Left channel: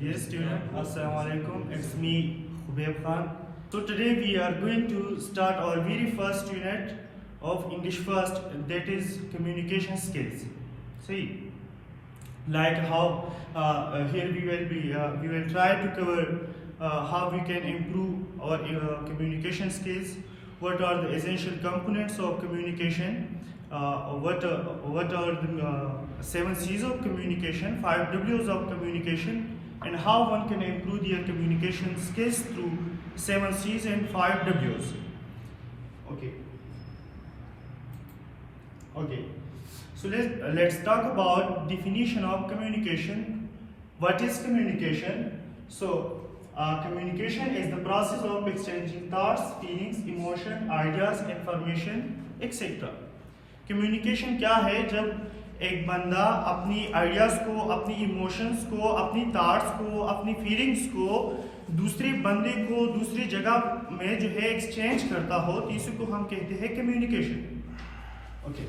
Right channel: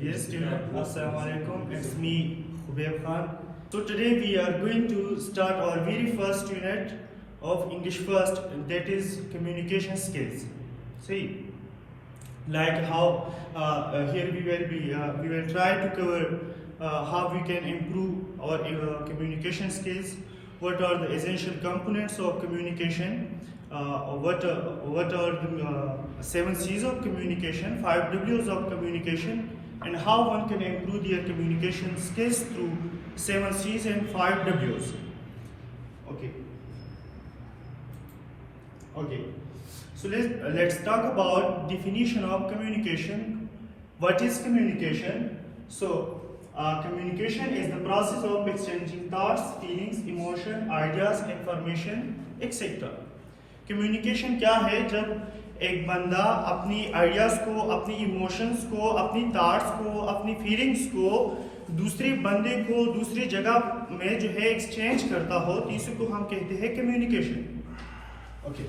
Dear student, Assalamualaikum. It's me, Khubayb Khan. So today we are going to start our very first unit of English first, that is communication skills. See, like how here we will try to cover how we can improve our communication skills. What are the essential components of communication? What are the 7 C's of communication, 5 W's of communication, and how one can improve their communication skills through 7 C's and 5 W's. Okay. So let's talk about definition of communication. What is communication? So communication is the process of exchanging thoughts, feelings, emotion, ideas, information, etc. Communication क्या है? जब एक बंदा अपनी ideas को, अपनी emotions को, अपनी थॉट्स को, अपनी फीलिंग्स को दूसरे बंदे को दूसरी जगह में जो है एक्सचेंज करता हो, तो इसी को हम कहते हैं कम्युनिकेशन. ओके,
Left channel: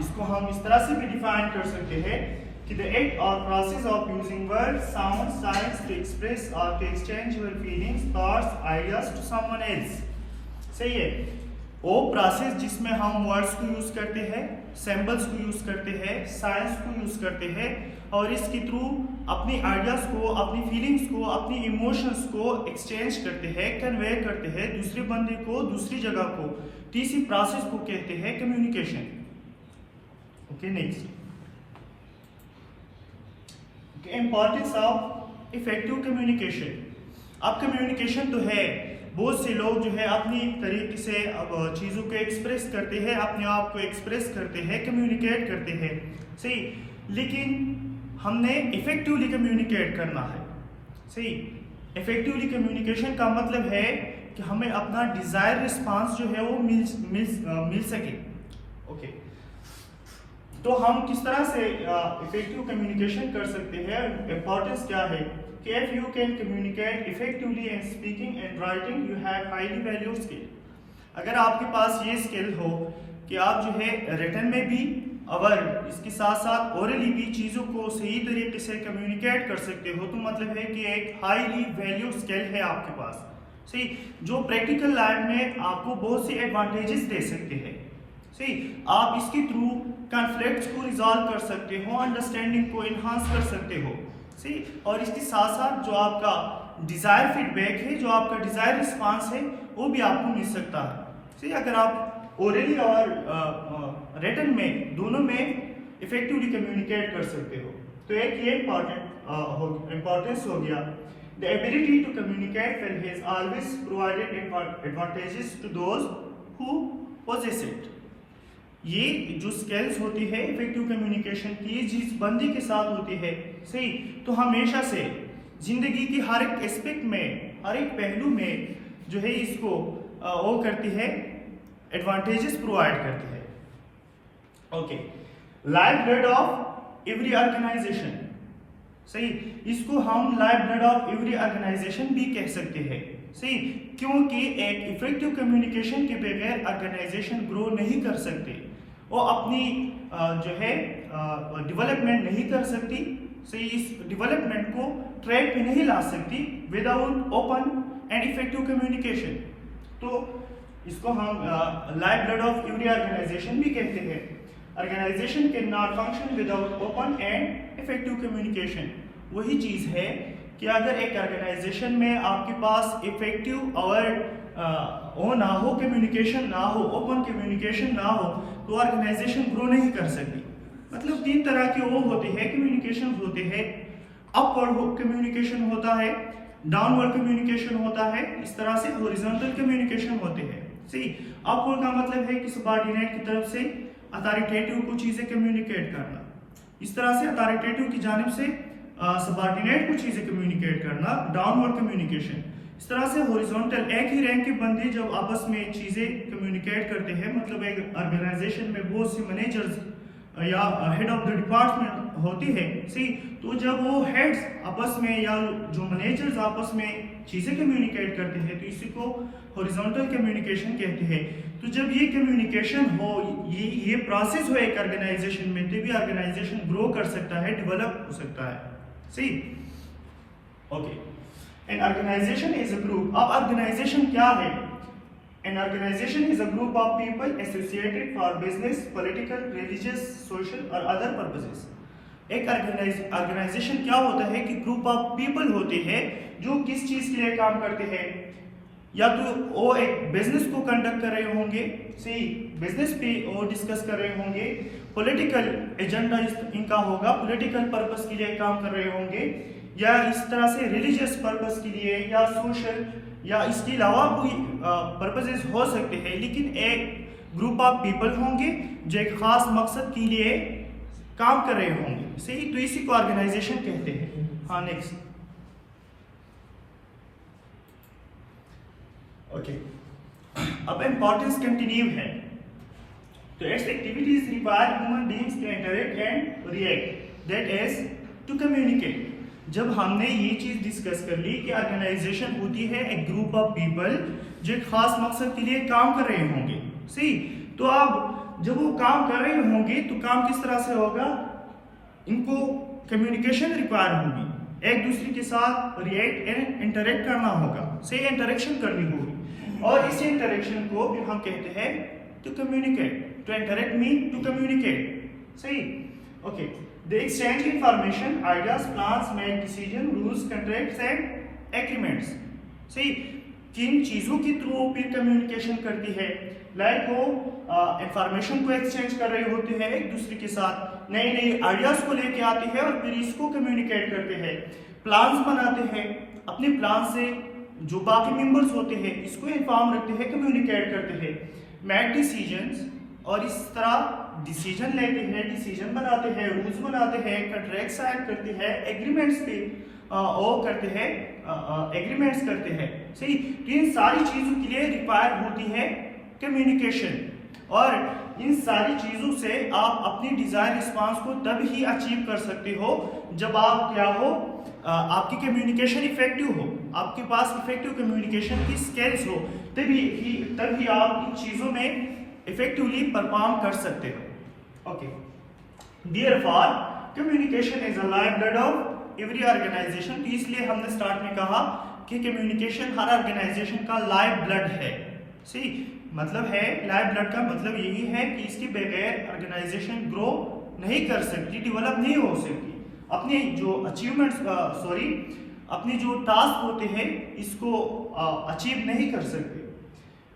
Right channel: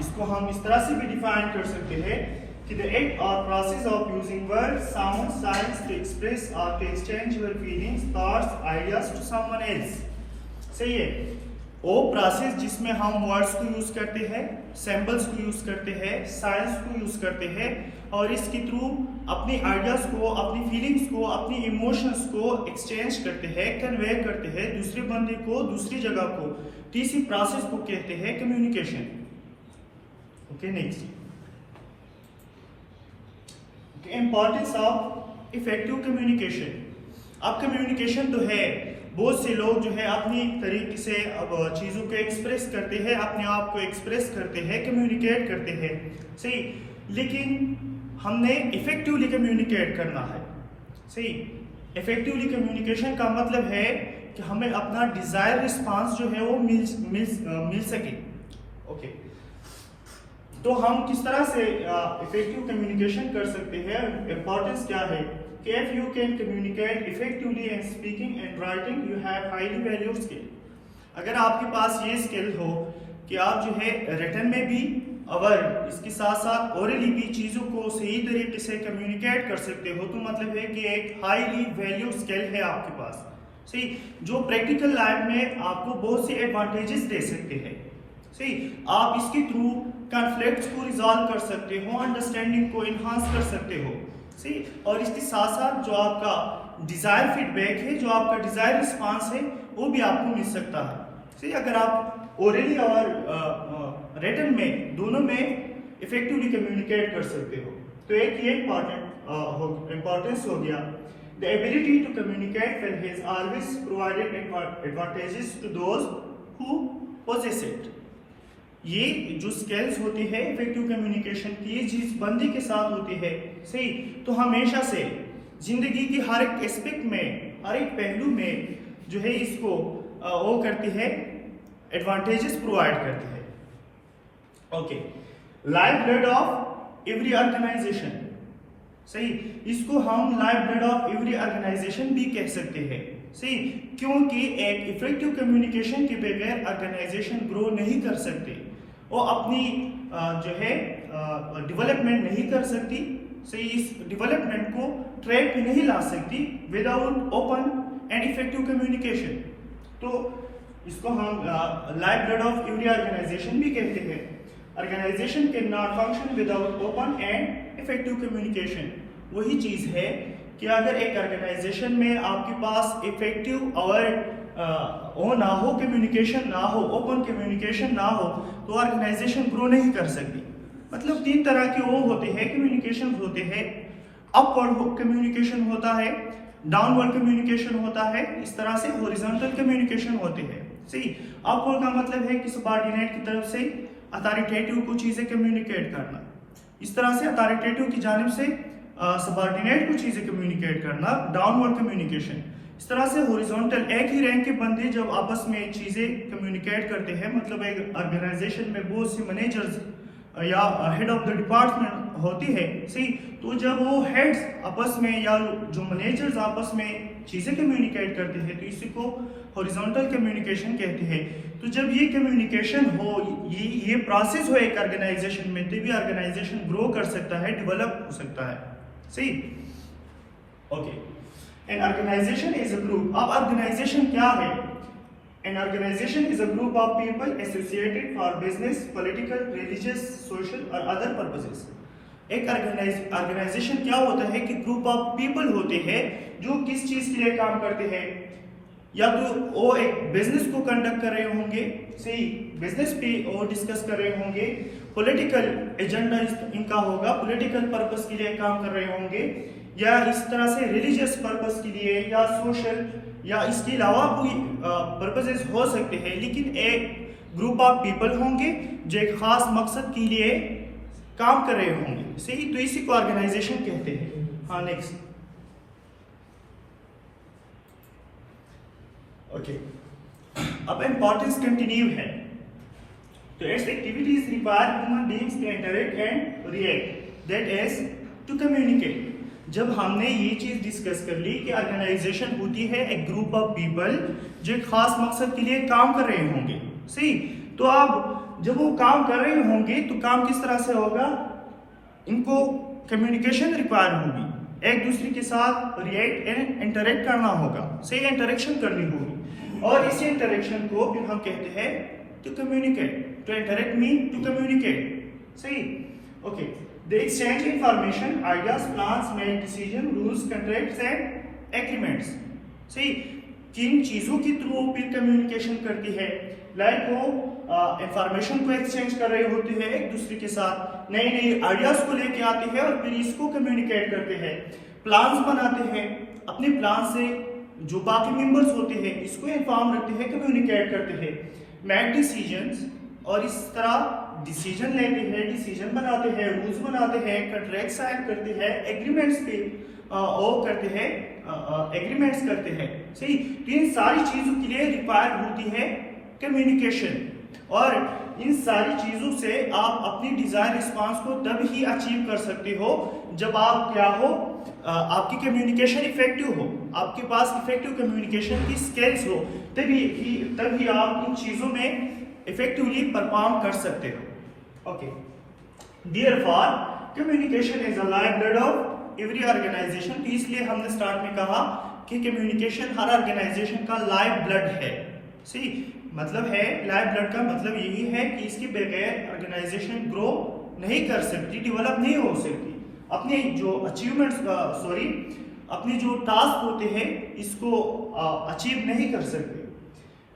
इसको हम इस तरह से भी डिफाइन कर सकते हैं कि the act or process of using word, sound, signs to express or to exchange your feelings, thoughts, ideas to someone else. सही है, वो प्रोसेस जिसमें हम वर्ड्स को यूज करते हैं, सिंबल्स को यूज करते हैं, साइंस को यूज करते हैं और इसके थ्रू अपनी आइडियाज को, अपनी फीलिंग्स को, अपनी इमोशंस को एक्सचेंज करते हैं, कन्वे करते हैं दूसरे बंदे को, दूसरी जगह को. इसी प्रोसेस को कहते हैं communication. Okay, next, importance of effective communication. अब कम्युनिकेशन तो है, बहुत से लोग जो है अपनी तरीके से अब चीज़ों को एक्सप्रेस करते हैं, अपने आप को एक्सप्रेस करते हैं, कम्युनिकेट करते हैं. सही, लेकिन हमने इफेक्टिवली कम्युनिकेट करना है. सही, इफेक्टिवली कम्युनिकेशन का मतलब है कि हमें अपना डिजायर रिस्पांस जो है वो मिल सके. ओके, तो हम किस तरह से इफेक्टिव कम्युनिकेशन कर सकते हैं? इंपॉर्टेंस क्या है कि if you can communicate effectively in speaking and writing, you have highly valued skill. अगर आपके पास ये स्किल हो कि आप जो है रिटन में भी और इसके साथ साथ ओरली भी चीज़ों को सही तरीके से कम्युनिकेट कर सकते हो, तो मतलब है कि एक हाईली वैल्यू स्किल है आपके पास. सही, जो प्रैक्टिकल लाइफ में आपको बहुत से एडवांटेजेस दे सकते हैं. सही, आप इसके थ्रू कॉन्फ्लिक्ट्स को रिजॉल्व कर सकते हो, अंडरस्टैंडिंग को इन्हांस कर सकते हो. सही, और इसके साथ साथ जो आपका डिजायर फीडबैक है, जो आपका डिजायर रिस्पांस है, वो भी आपको मिल सकता है. सही, अगर आप ओरली और रिटन में दोनों में इफेक्टिवली कम्युनिकेट कर सकते हो, तो एक ये इंपॉर्टेंस हो गया. The ability to communicate well has always provided advantages to those who possess it. ये जो स्किल्स होती है इफेक्टिव कम्युनिकेशन की, जिस बंदी के साथ होती है, सही, तो हमेशा से जिंदगी की हर एक एस्पेक्ट में, हर एक पहलू में जो है इसको वो करती है, एडवांटेजेस प्रोवाइड करती है. Okay, life blood of every organisation. सही, इसको हम life blood of every organisation भी कह सकते हैं. सही, क्योंकि एक इफेक्टिव कम्युनिकेशन के बगैर ऑर्गेनाइजेशन ग्रो नहीं कर सकती, वो अपनी जो है डेवलपमेंट नहीं कर सकती. सही, इस डेवलपमेंट को ट्रैक पे नहीं ला सकती without open and effective communication. तो इसको हम life blood of every organisation भी कहते हैं. Organisation can not function without open and effective communication. वही चीज़ है कि अगर एक ऑर्गेनाइजेशन में आपके पास इफेक्टिव और वो ना हो, कम्युनिकेशन ना हो, ओपन कम्युनिकेशन ना हो, तो ऑर्गेनाइजेशन ग्रो नहीं कर सकती. मतलब 3 तरह के वो होते हैं, कम्युनिकेशन होते हैं. अपवर्ड कम्युनिकेशन होता है, डाउनवर्ड कम्युनिकेशन होता है, इस तरह से हॉरिजॉन्टल कम्युनिकेशन होते हैं. सही, अपवर्ड का मतलब है कि सबऑर्डिनेट की तरफ से अथॉरिटेटिव को चीज़ें कम्युनिकेट करना, इस तरह से अथॉरिटेटिव की जानिब से सबऑर्डिनेट को चीज़ें कम्युनिकेट करना, डाउनवर्ड कम्युनिकेशन. इस तरह से हॉरिजॉन्टल, एक ही रैंक के बंदे जब आपस में चीज़ें कम्युनिकेट करते हैं, मतलब एक ऑर्गेनाइजेशन में बहुत सी मैनेजर्स या हेड ऑफ द डिपार्टमेंट होती है. सही, तो जब वो हेड्स आपस में या जो मैनेजर्स आपस में चीज़ें कम्युनिकेट करते हैं, तो इसी को हॉरिजॉन्टल कम्युनिकेशन कहते हैं. तो जब ये कम्युनिकेशन हो, ये प्रोसेस हो एक ऑर्गेनाइजेशन में, तभी ऑर्गेनाइजेशन ग्रो कर सकता है, डेवलप हो सकता है. सही, okay. An organisation is a group. अब ऑर्गेनाइजेशन क्या है? An organisation is a group of people associated for business, political, religious, social और अदर पर्पसेस। एक ऑर्गेनाइजेशन क्या होता है कि ग्रुप ऑफ पीपल होते हैं जो किस चीज के लिए काम करते हैं, या तो वो एक बिजनेस को कंडक्ट कर रहे होंगे, सही, बिजनेस पे वो डिस्कस कर रहे होंगे, पॉलिटिकल एजेंडा इनका होगा, पॉलिटिकल पर्पस के लिए काम कर रहे होंगे, या इस तरह से रिलीजियस पर्पस के लिए, या सोशल, या इसके अलावा कोई पर्पसेस हो सकते हैं। लेकिन एक ग्रुप ऑफ पीपल होंगे जो एक खास मकसद के लिए काम कर रहे होंगे, सही, तो इसी को ऑर्गेनाइजेशन कहते हैं। हाँ, नेक्स्ट, ओके। अब इंपॉर्टेंस कंटिन्यू है, तो its activities require human beings to interact and react, that is to communicate. जब हमने ये चीज डिस्कस कर ली कि ऑर्गेनाइजेशन होती है एक ग्रुप ऑफ पीपल जो एक खास मकसद के लिए काम कर रहे होंगे, सही, तो अब जब वो काम कर रहे होंगे तो काम किस तरह से होगा? इनको कम्युनिकेशन रिक्वायर होगी, एक दूसरे के साथ रिएक्ट एंड इंटरेक्ट करना होगा, सही, इंटरेक्शन करनी होगी, और इस इंटरेक्शन को फिर हम कहते हैं to communicate. To interact mean to communicate, सही, okay. They exchange information, ideas, plans, make decision, rules, contracts and agreements, सही। किन चीजों के थ्रू फिर कम्युनिकेशन करती है? लाइक वो इंफॉर्मेशन को एक्सचेंज कर रहे होते हैं एक दूसरे के साथ, नए नए आइडियाज को लेके आते हैं और फिर इसको कम्युनिकेट करते हैं, प्लान्स बनाते हैं, अपने प्लान से जो बाकी मेंबर्स होते हैं इसको इन्फॉर्म रखते हैं, कम्युनिकेट करते हैं, मेक डिसीजंस, और इस तरह डिसीजन लेते हैं, डिसीजन बनाते हैं, रूल्स बनाते हैं, कॉन्ट्रैक्ट साइन करते हैं, एग्रीमेंट्स पे वो करते हैं, एग्रीमेंट्स करते हैं, सही। इन सारी चीजों के लिए रिक्वायर्ड होती है कम्युनिकेशन, और इन सारी चीजों से आप अपनी डिजायर रिस्पांस को तब ही अचीव कर सकते हो जब आप क्या हो, आपकी कम्युनिकेशन इफेक्टिव हो, आपके पास इफेक्टिव कम्युनिकेशन की स्किल्स हो, तभी आप इन चीजों में इफेक्टिवली परफॉर्म कर सकते हो, okay. Therefore communication is a life blood of every organisation. इसलिए हमने स्टार्ट में कहा कि कम्युनिकेशन हर ऑर्गेनाइजेशन का लाइफ ब्लड है, सही, मतलब है लाइफ ब्लड का मतलब यही है कि इसके बगैर ऑर्गेनाइजेशन ग्रो नहीं कर सकती, डेवलप नहीं हो सकती, अपने जो अचीवमेंट्स अपने जो टास्क होते हैं इसको अचीव नहीं कर सकते,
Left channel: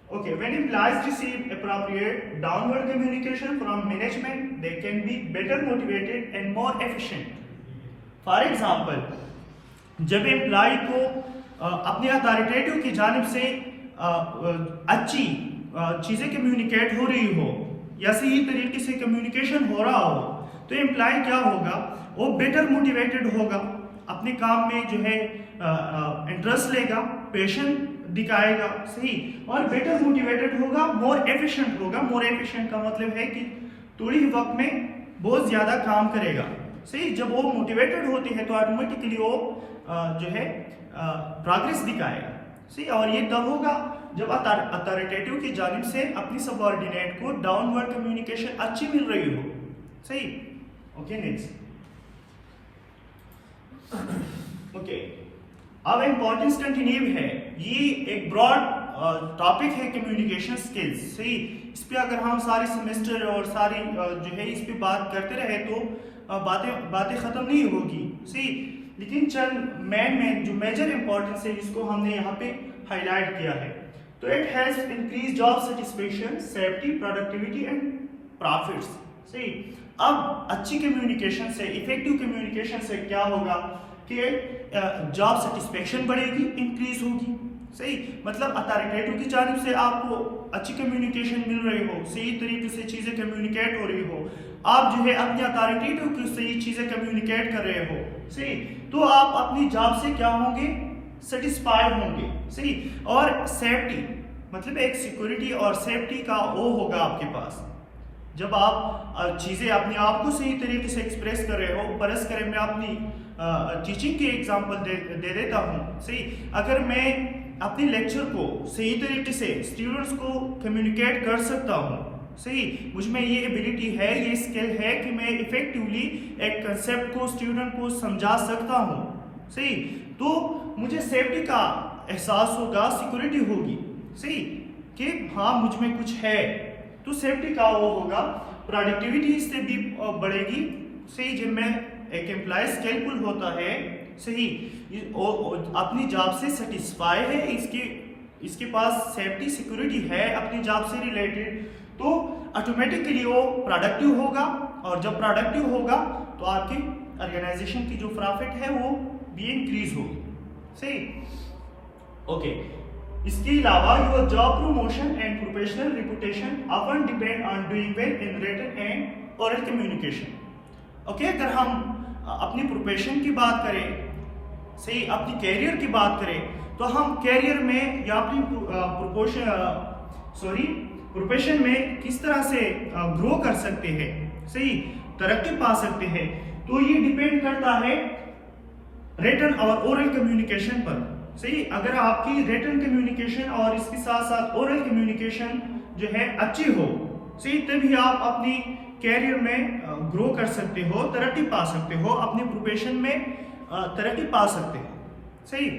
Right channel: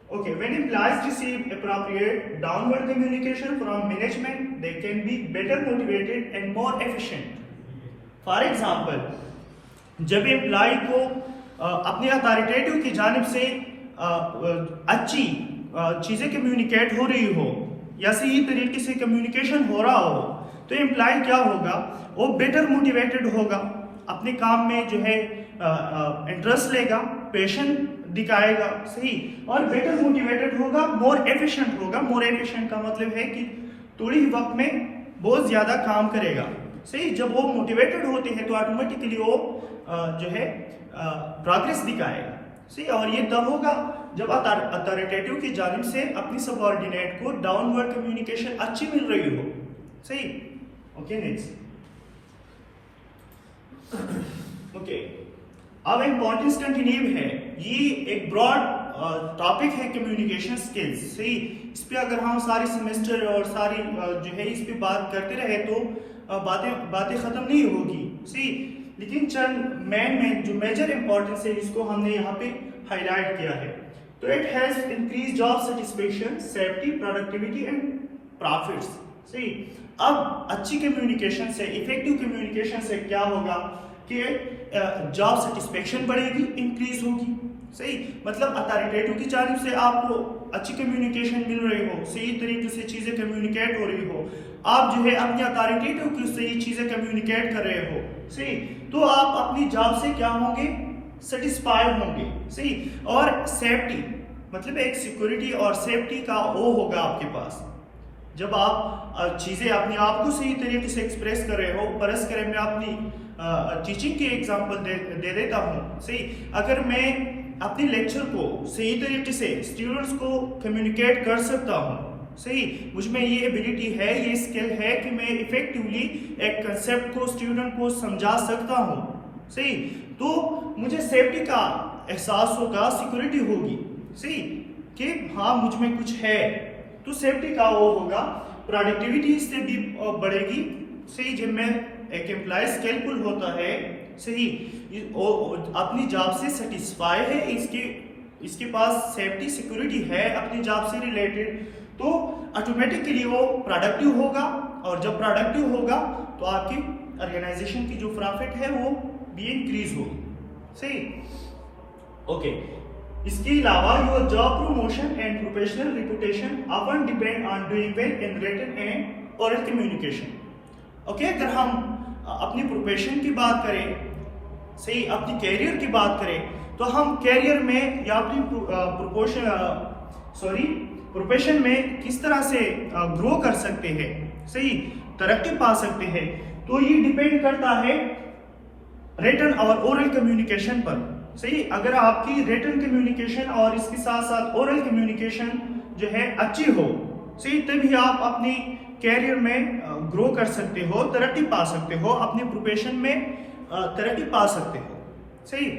okay. When employees receive appropriate downward communication from management, they can be better motivated and more efficient. For example, जब एम्प्लॉय को अपने अथॉरिटेटिव की जानिब से अच्छी चीजें कम्युनिकेट हो रही हो या सही तरीके से कम्युनिकेशन हो रहा हो, तो एम्प्लॉय क्या होगा, वो बेटर मोटिवेटेड होगा, अपने काम में जो है इंटरेस्ट लेगा, पैशन दिखाएगा, सही, और बेटर मोटिवेटेड होगा, मोर एफिशिएंट होगा। मोर एफिशिएंट का मतलब है कि थोड़ी ही वक्त में बहुत ज्यादा काम करेगा, सही। जब वो मोटिवेटेड होते हैं तो ऑटोमेटिकली वो जो है प्रोग्रेस दिखाएगा, सही, और ये तब होगा जब अथॉरिटेटिव की जानिब से अपनी सबऑर्डिनेट को डाउनवर्ड कम्युनिकेशन अच्छी मिल रही हो, सही, ओके। Next, okay. अब इंपॉर्टेंस कंटिन्यू है, ये एक ब्रॉड टॉपिक है कम्युनिकेशन स्किल्स, सही। इस पे अगर हम सारे सेमेस्टर और सारी जो है इस पे बात करते रहे तो बातें खत्म नहीं होगी, सही। लेकिन चंद मेन जो मेजर इंपॉर्टेंस है इसको हमने यहाँ पे हाईलाइट किया है। तो it has increase job satisfaction, safety, productivity and profits, सही। अब अच्छी कम्युनिकेशन से, इफेक्टिव कम्युनिकेशन से क्या होगा कि जॉब सेटिस्फेक्शन बढ़ेगी, इंक्रीज होगी, सही। मतलब अथॉरिटेटिव की जानिब से आपको अच्छी कम्युनिकेशन मिल रही हो, सही तरीके से चीजें कम्युनिकेट हो रही हो, आप जो है अपने अथॉरिटेटिव की सही चीजें कम्युनिकेट कर रहे हो, सही, तो आप अपनी जॉब से क्या होंगे, सेटिस्फाइड होंगे, सही। और सेफ्टी मतलब एक सिक्योरिटी और सेफ्टी का वो होगा आपके पास, जब आप चीजें अपने आप को सही तरीके से एक्सप्रेस कर रहे हो। परस करें, मैं अपनी टीचिंग की एग्जांपल दे देता हूँ, सही। अगर मैं अपने लेक्चर को सही तरीके से स्टूडेंट्स को कम्युनिकेट कर सकता हूँ, सही, मुझ में ये एबिलिटी है, ये स्किल है कि मैं इफेक्टिवली एक कंसेप्ट को स्टूडेंट को समझा सकता हूँ। सही, तो मुझे सेफ्टी का एहसास होगा, सिक्योरिटी होगी। सही, कि हाँ मुझ में कुछ है, तो सेफ्टी का वो होगा, प्रोडक्टिविटी इससे भी बढ़ेगी। सही, जिनमें एक एम्प्लॉय स्किलफुल होता है, सही, अपनी जॉब से सेटिस्फाई है, इसके पास सेफ्टी सिक्योरिटी है अपनी जॉब से रिलेटेड, तो ऑटोमेटिकली वो प्रोडक्टिव होगा, और जब प्रोडक्टिव होगा तो आपकी ऑर्गेनाइजेशन की जो प्रॉफिट है वो भी इंक्रीज होगी। सही, ओके। इसके अलावा your job promotion and professional reputation often depend on doing well in written and oral communication. Okay, अगर हम अपनी प्रोफेशन की बात करें, सही, अपनी कैरियर की बात करें, तो हम कैरियर में या अपनी प्रोफेशन में किस तरह से ग्रो कर सकते हैं, सही, तरक्की पा सकते हैं, तो ये डिपेंड करता है रिटन और ओरल कम्युनिकेशन पर। सही, अगर आपकी रिटन कम्युनिकेशन और इसके साथ साथ ओरल कम्युनिकेशन जो है अच्छी हो, सही, तभी आप अपनी कैरियर में ग्रो कर सकते हो, तरक्की पा सकते हो, अपने प्रोफेशन में तरक्की पा सकते हो। सही,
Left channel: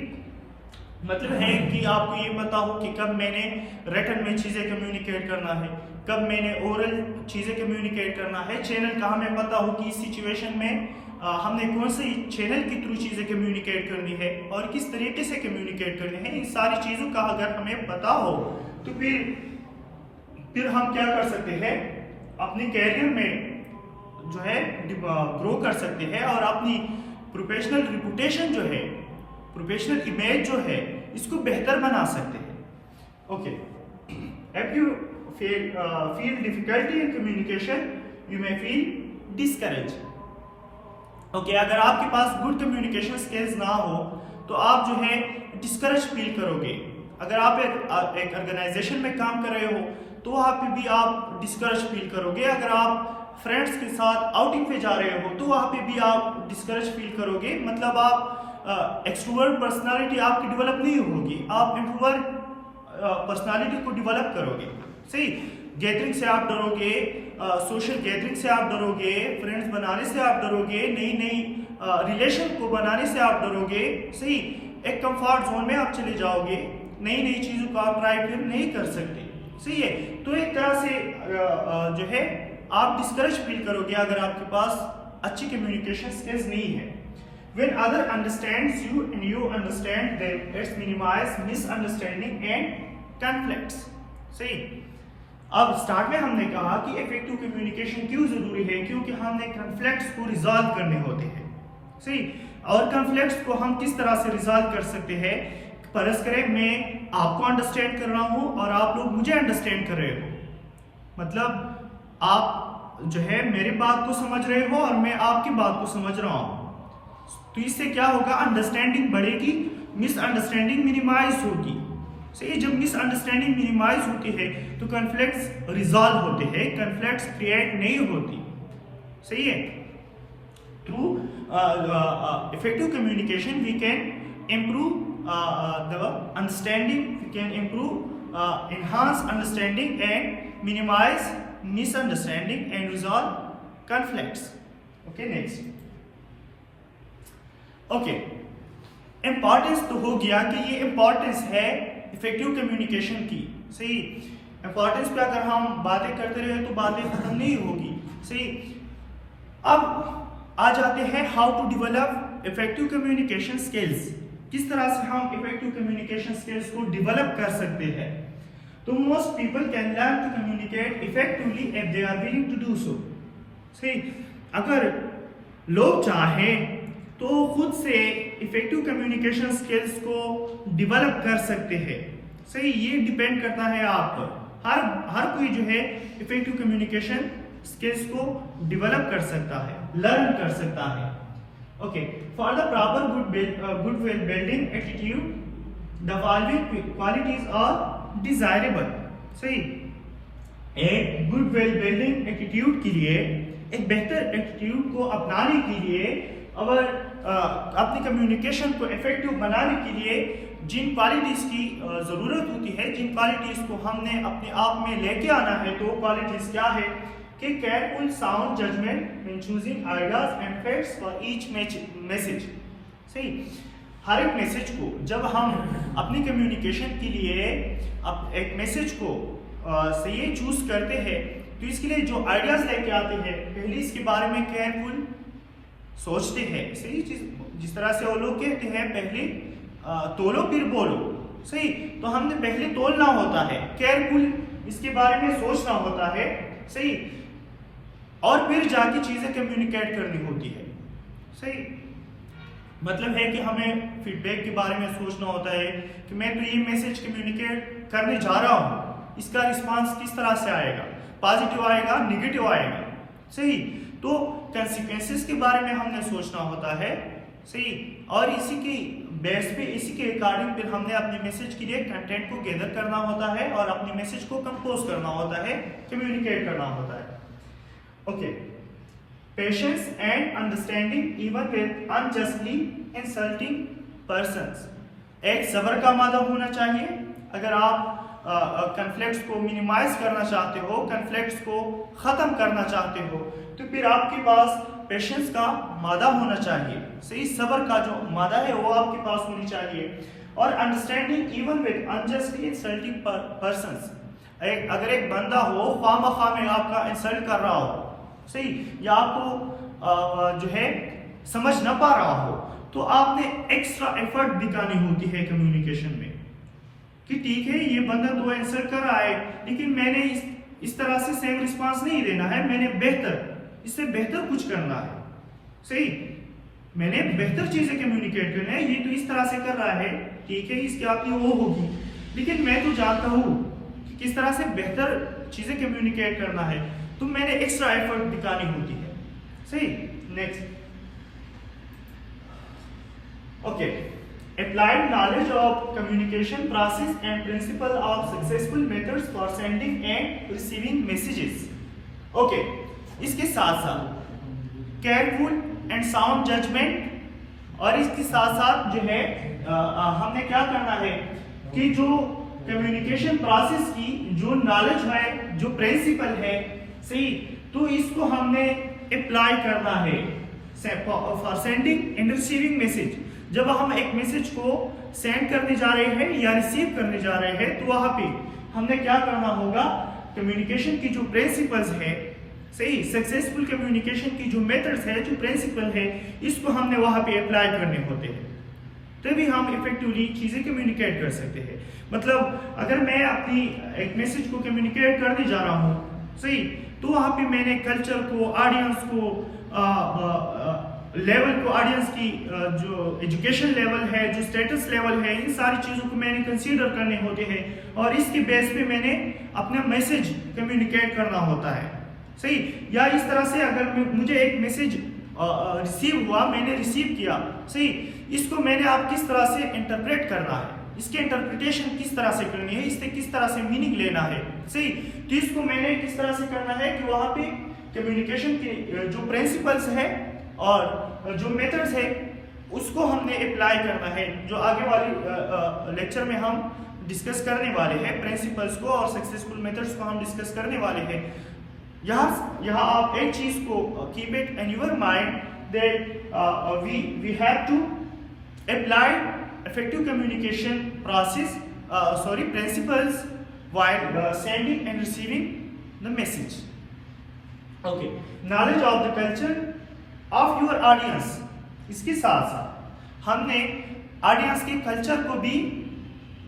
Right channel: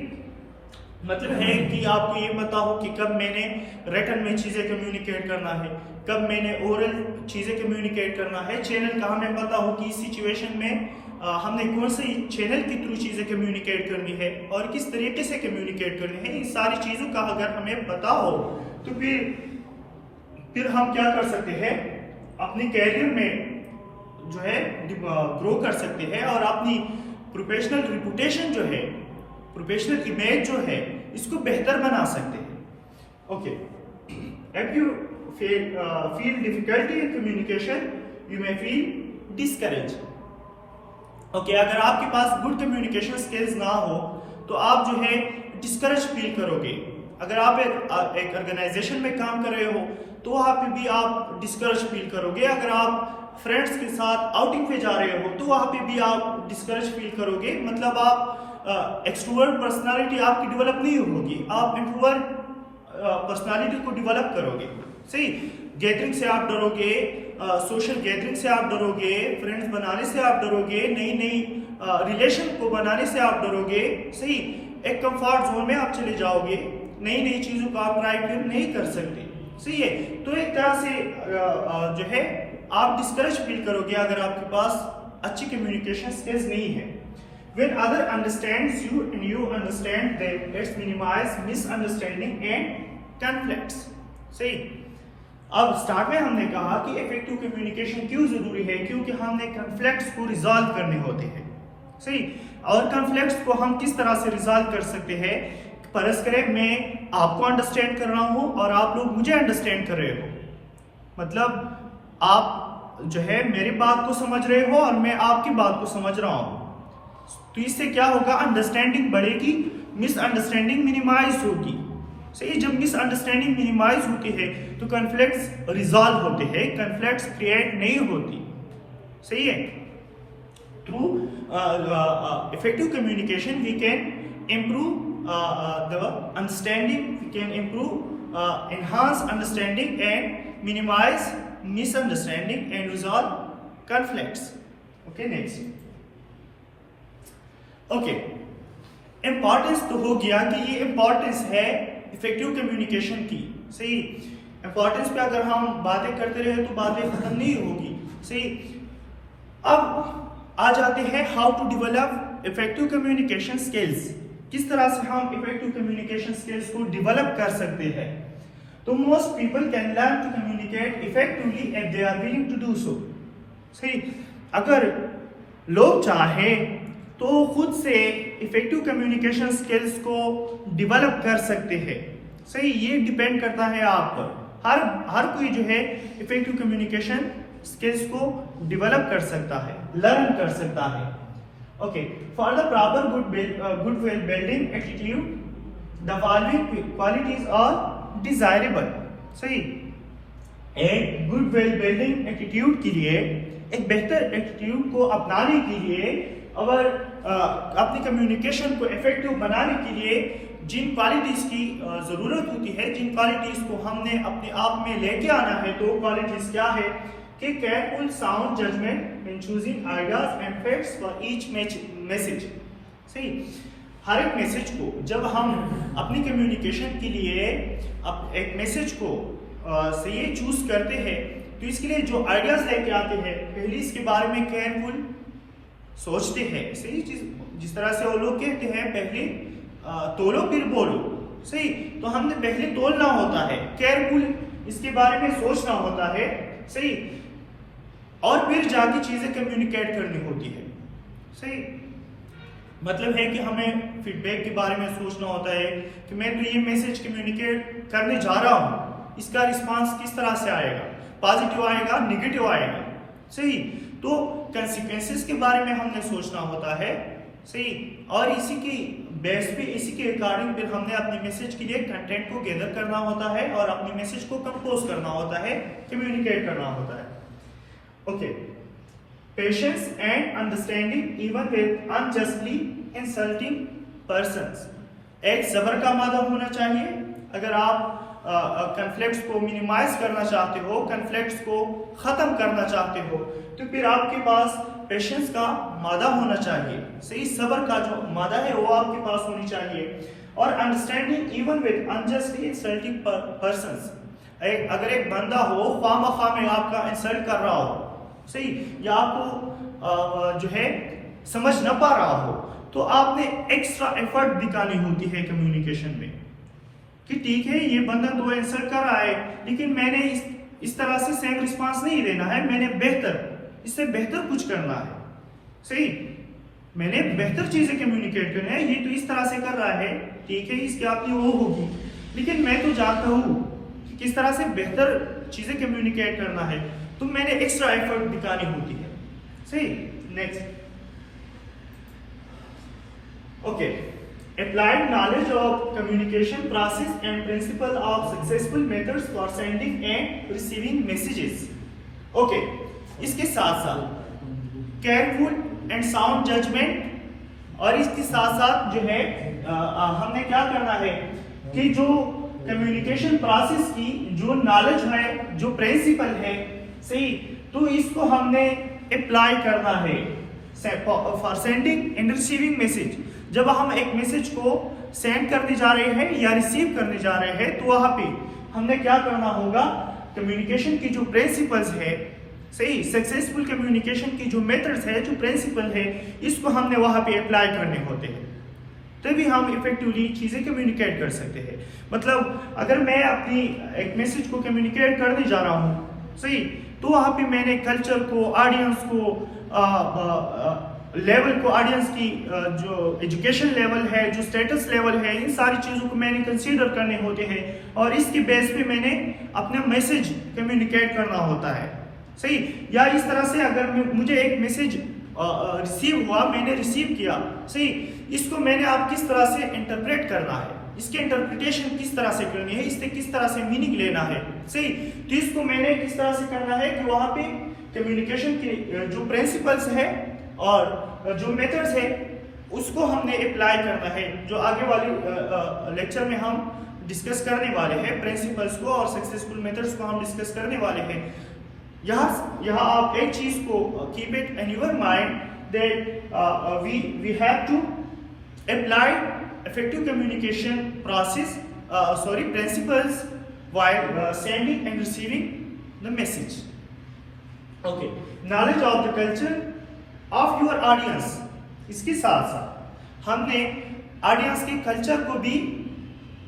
मतलब है कि आपको ये पता हो कि कब मैंने रिटन में चीज़ें कम्युनिकेट करना है, कब मैंने ओरल चीज़ें कम्युनिकेट करना है, चैनल का हमें पता हो कि इस सिचुएशन में हमने कौन से चैनल के थ्रू चीज़ें कम्युनिकेट करनी है और किस तरीके से कम्युनिकेट करनी है। इन सारी चीज़ों का अगर हमें पता हो तो फिर हम क्या कर सकते हैं, अपने कैरियर में जो है ग्रो कर सकते हैं और अपनी प्रोफेशनल रिपुटेशन जो है, प्रोफेशनल इमेज जो है, इसको बेहतर बना सकते हैं। Okay, if you feel difficulty in communication you may feel discourage. Okay, अगर आपके पास गुड कम्युनिकेशन स्किल्स ना हो तो आप जो है डिस्करेज फील करोगे। अगर आप एक ऑर्गेनाइजेशन में काम कर रहे हो तो वहाँ पे भी आप डिस्करेज फील करोगे। अगर आप फ्रेंड्स के साथ आउटिंग पे जा रहे हो तो वहाँ पे भी आप डिस्करेज फील करोगे। मतलब आप एक्सट्रोवर्ट पर्सनालिटी आपकी डेवलप नहीं होगी, आप इंट्रोवर्ट पर्सनालिटी को डेवलप करोगे। सही, गैदरिंग से आप डरोगे, सोशल गैदरिंग से आप डरोगे, फ्रेंड्स बनाने से आप डरोगे, नई नई रिलेशन को बनाने से आप डरोगे। सही, एक कंफर्ट जोन में आप चले जाओगे, नई नई चीज़ों को आप ट्राई फिर नहीं कर सकते। सही है, तो एक तरह से जो है आप डिस्करेज फील करोगे अगर आपके पास अच्छी कम्युनिकेशन स्किल्स नहीं है। When other understands you and you understand them, it's minimize misunderstanding and conflicts. सही, अब स्टार्ट में हमने कहा कि इफेक्टिव कम्युनिकेशन क्यों जरूरी है, क्योंकि हमने कॉन्फ्लिक्ट्स को रिजॉल्व करने होते हैं। सही, और कॉन्फ्लिक्ट्स को हम किस तरह से रिजॉल्व कर सकते हैं, परस्पर मैं आपको अंडरस्टैंड कर रहा हूं और आप लोग मुझे अंडरस्टैंड कर रहे हो, मतलब आप जो है मेरी बात को समझ रहे हो और मैं आपकी बात को समझ रहा हूं। तो इससे क्या होगा, अंडरस्टैंडिंग बढ़ेगी, मिसअंडरस्टैंडिंग मिनिमाइज होगी। सही, जब मिसअंडरस्टैंडिंग मिनिमाइज होती है तो कॉन्फ्लिक्ट्स रिजॉल्व होते हैं, कॉन्फ्लिक्ट्स क्रिएट नहीं होती। सही है, through effective communication we can improve the understanding, we can improve, enhance understanding and minimize misunderstanding and resolve conflicts. Okay, next. Okay, importance तो हो गया कि ये इम्पॉर्टेंस है इफेक्टिव कम्युनिकेशन की। सही, इम्पॉर्टेंस पे अगर हम बातें करते रहे तो बातें खत्म नहीं होगी। सही, अब आ जाते हैं how to develop effective communication skills. किस तरह से हम इफेक्टिव कम्युनिकेशन स्किल्स को डेवलप कर सकते हैं। तो most people can learn to communicate effectively if they are willing to do so. सही, अगर लोग चाहें तो खुद से इफेक्टिव कम्युनिकेशन स्किल्स को डेवलप कर सकते हैं। सही, ये डिपेंड करता है आप पर। हर कोई जो है इफेक्टिव कम्युनिकेशन स्किल्स को डेवलप कर सकता है, लर्न कर सकता है। Okay, for the proper goodwill building attitude, the following qualities are desirable. सही, एक गुडविल बिल्डिंग एटीट्यूड के लिए, एक बेहतर एटीट्यूड को अपनाने के लिए और अपनी कम्युनिकेशन को इफेक्टिव बनाने के लिए जिन क्वालिटीज की जरूरत होती है, जिन क्वालिटीज को हमने अपने आप में लेके आना है, तो क्वालिटीज क्या है कि careful sound judgement when choosing ideas and facts for each message. सही, हर एक मैसेज को जब हम अपनी कम्युनिकेशन के लिए अब एक मैसेज को सही चूज करते हैं, तो इसके लिए जो आइडियाज लेके आते हैं, पहले इसके बारे में केयरफुल सोचते हैं। सही चीज, जिस तरह से वो लोग कहते हैं पहले तोलो फिर बोलो। सही, तो हमने पहले तोलना होता है, केयरफुल इसके बारे में सोचना होता है। सही, और फिर जाके चीजें कम्युनिकेट करनी होती है। सही, मतलब है कि हमें फीडबैक के बारे में सोचना होता है कि मैं तो ये मैसेज कम्युनिकेट करने जा रहा हूँ, इसका रिस्पांस किस तरह से आएगा, पॉजिटिव आएगा, नेगेटिव आएगा। सही, तो कंसिक्वेंसेस के बारे में हमने सोचना होता है। सही, और इसी की बेस पे, इसी के अकॉर्डिंग फिर हमने अपने मैसेज के लिए कंटेंट को गैदर करना होता है और अपने मैसेज को कंपोज करना होता है, कम्युनिकेट करना होता है। Okay, patience and understanding even with unjustly insulting persons. एक सब्र का मादा होना चाहिए। अगर आप कन्फ्लिक्ट्स को मिनिमाइज करना चाहते हो, कन्फ्लिक्ट्स को खत्म करना चाहते हो, तो फिर आपके पास पेशेंस का मादा होना चाहिए। सही, सब्र का जो मादा है वो आपके पास होनी चाहिए। और understanding even with unjustly insulting persons. अगर एक बंदा हो खामखा में आपका इंसल्ट कर रहा हो, सही, या आपको जो है समझ न पा रहा हो, तो आपने एक्स्ट्रा एफर्ट दिखानी होती है कम्युनिकेशन में कि ठीक है ये बंदा तो इंसल्ट कर रहा है, लेकिन मैंने इस तरह से सेम रिस्पांस नहीं देना है, मैंने इससे बेहतर कुछ करना है। सही, मैंने बेहतर चीजें कम्युनिकेट करनी है। ये तो इस तरह से कर रहा है, ठीक है, इसकी आपकी वो होगी, लेकिन मैं तो जानता हूं कि किस तरह से बेहतर चीजें कम्युनिकेट करना है, तो मैंने एक्स्ट्रा एफर्ट दिखानी होती है। सही, next, okay, applied knowledge of communication process and principle of successful methods for sending and receiving messages. Okay, इसके साथ साथ careful and sound judgment, और इसके साथ साथ जो है हमने क्या करना है कि जो कम्युनिकेशन प्रोसेस की जो नॉलेज है, जो प्रिंसिपल है, सही, तो इसको हमने अप्लाई करना है for sending end receiving message. जब हम एक मैसेज को सेंड करने जा रहे हैं या रिसीव करने जा रहे हैं, तो वहां पे हमने क्या करना होगा, कम्युनिकेशन की जो प्रिंसिपल्स है, सही, सक्सेसफुल कम्युनिकेशन की जो मेथड्स है, जो प्रिंसिपल है, इसको हमने वहां पे अप्लाई करने होते हैं, तभी हम इफेक्टिवली चीजें कम्युनिकेट कर सकते हैं। मतलब अगर मैं अपनी एक मैसेज को कम्युनिकेट करने जा रहा हूँ, सही, तो वहां पे मैंने कल्चर को, ऑडियंस को, लेवल को, ऑडियंस की जो एजुकेशन लेवल है, जो स्टेटस लेवल है, इन सारी चीजों को मैंने कंसीडर करने होते हैं, और इसके बेस पे मैंने अपना मैसेज कम्युनिकेट करना होता है। सही, या इस तरह से अगर मुझे एक मैसेज रिसीव हुआ, मैंने रिसीव किया, सही, इसको मैंने आप किस तरह से इंटरप्रेट करना है, इसके इंटरप्रिटेशन किस तरह से करनी है, इससे किस तरह से मीनिंग लेना है। सही, तो इसको मैंने किस तरह से करना है कि वहां पे कम्युनिकेशन के जो प्रिंसिपल्स है और जो मेथड्स है, उसको हमने अप्लाई करना है, जो आगे वाले लेक्चर में हम डिस्कस करने वाले हैं। प्रिंसिपल्स को और सक्सेसफुल मेथड्स को हम डिस्कस करने वाले हैं। यहाँ आप एक चीज को keep it in your mind that we have to apply effective communication process, principles while sending and receiving the message. Okay, knowledge of the culture of your audience. इसके साथ साथ हमने ऑडियंस के कल्चर को भी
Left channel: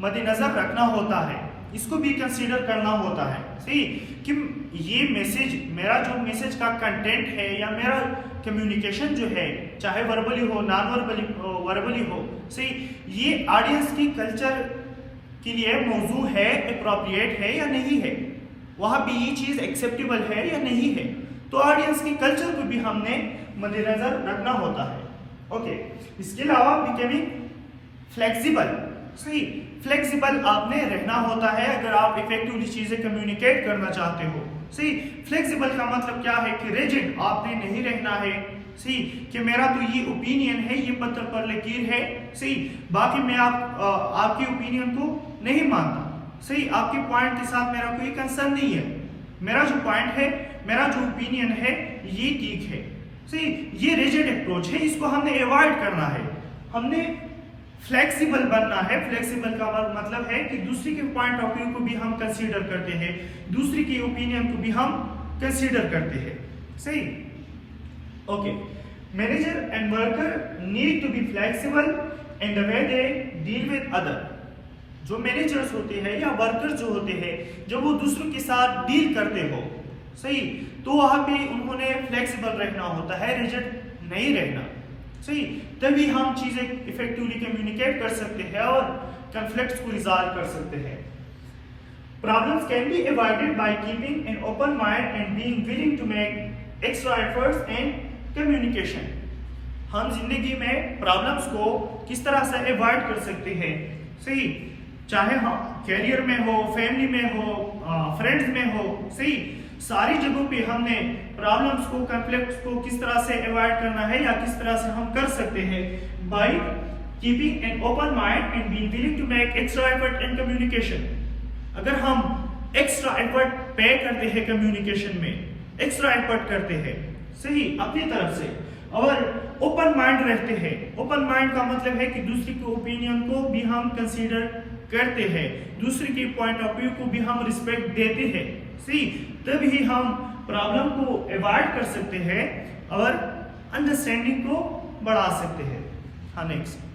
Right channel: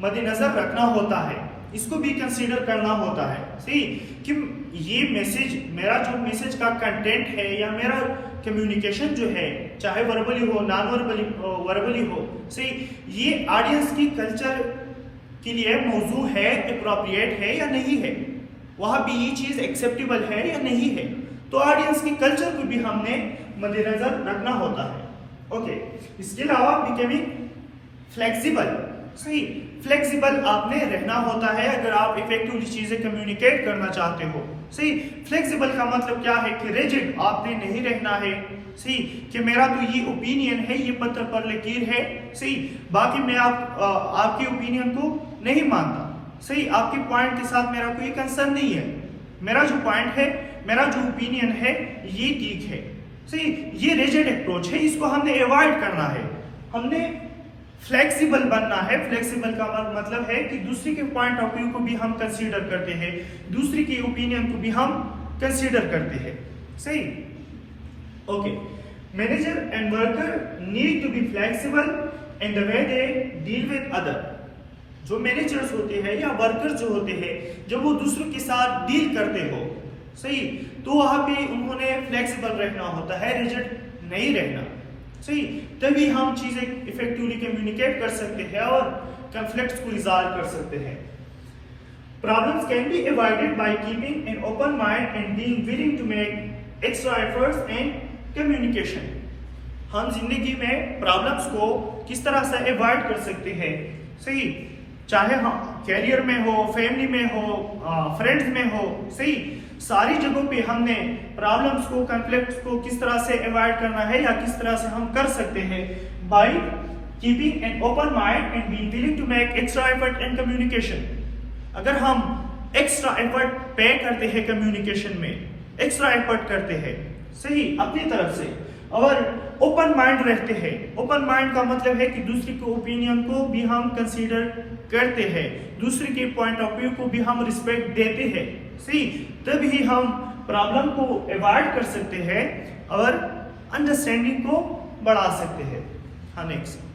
मद्देनजर रखना होता है, इसको भी कंसीडर करना होता है। सही, कि ये मैसेज, मेरा जो मैसेज का कंटेंट है या मेरा कम्युनिकेशन जो है, चाहे वर्बली हो, नॉन वर्बली हो, सही, ये ऑडियंस की कल्चर के लिए मौजू है, अप्रोप्रिएट है या नहीं है, वहां भी ये चीज एक्सेप्टेबल है या नहीं है, तो ऑडियंस की कल्चर को भी हमने मद्देनजर रखना होता है। ओके, इसके अलावा बिकमिंग फ्लेक्सिबल। सही, फ्लेक्सिबल आपने रहना होता है अगर आप इफेक्टिवली चीजें कम्युनिकेट करना चाहते हो। सही, फ्लेक्सिबल का मतलब क्या है कि रिजिड आपने नहीं रहना है, सही, कि मेरा तो ये ओपिनियन है, ये पत्थर पर लकीर है, सही, बाकी मैं आपके ओपिनियन को नहीं मानता, सही, आपके पॉइंट के साथ मेरा कोई कंसर्न नहीं है, मेरा जो पॉइंट है, मेरा जो ओपिनियन है ये ठीक है, सही। ये रिजिड अप्रोच है, इसको हमने अवॉइड करना है, हमने फ्लेक्सिबल बनना है। फ्लेक्सिबल का मतलब है कि दूसरे के पॉइंट ऑफ व्यू को भी हम कंसीडर करते हैं, दूसरे के ओपिनियन को भी हम कंसीडर करते हैं, सही। Okay, manager and worker need to be flexible in the way they deal with other. जो मैनेजर्स होते हैं या वर्कर्स जो होते हैं, जब वो दूसरों के साथ डील करते हो, सही, तो वहां पे उन्होंने फ्लेक्सिबल रहना होता है, रिजिड नहीं रहना, सही। तभी हम चीजें इफेक्टिवली कम्युनिकेट कर सकते हैं और कॉन्फ्लिक्ट्स को रिजॉल्व कर सकते हैं। Problems can be avoided by keeping an open mind and being willing to make extra efforts and communication. हम जिंदगी में प्रॉब्लम्स को किस तरह से अवॉइड कर सकते हैं, सही, चाहे हम कैरियर में हो, फैमिली में हो, फ्रेंड्स में हो, सही, सारी जगहों पे हमने प्रॉब्लम्स को, कॉन्फ्लिक्ट्स को किस तरह से अवॉइड करना है या किस तरह से हम कर सकते हैं, by keeping an open mind and be willing to make extra effort in communication. अगर हम एक्स्ट्रा एफर्ट पे करते हैं कम्युनिकेशन में, एक्स्ट्रा एफर्ट करते हैं, सही, अपनी तरफ से, और ओपन माइंड रहते हैं। ओपन माइंड का मतलब है कि दूसरे के ओपिनियन को भी हम कंसीडर करते हैं, दूसरे के पॉइंट ऑफ व्यू को भी हम रिस्पेक्ट देते हैं, सही, तभी हम प्रॉब्लम को अवॉइड कर सकते हैं और अंडरस्टैंडिंग को बढ़ा सकते हैं। हाँ, नेक्स्ट।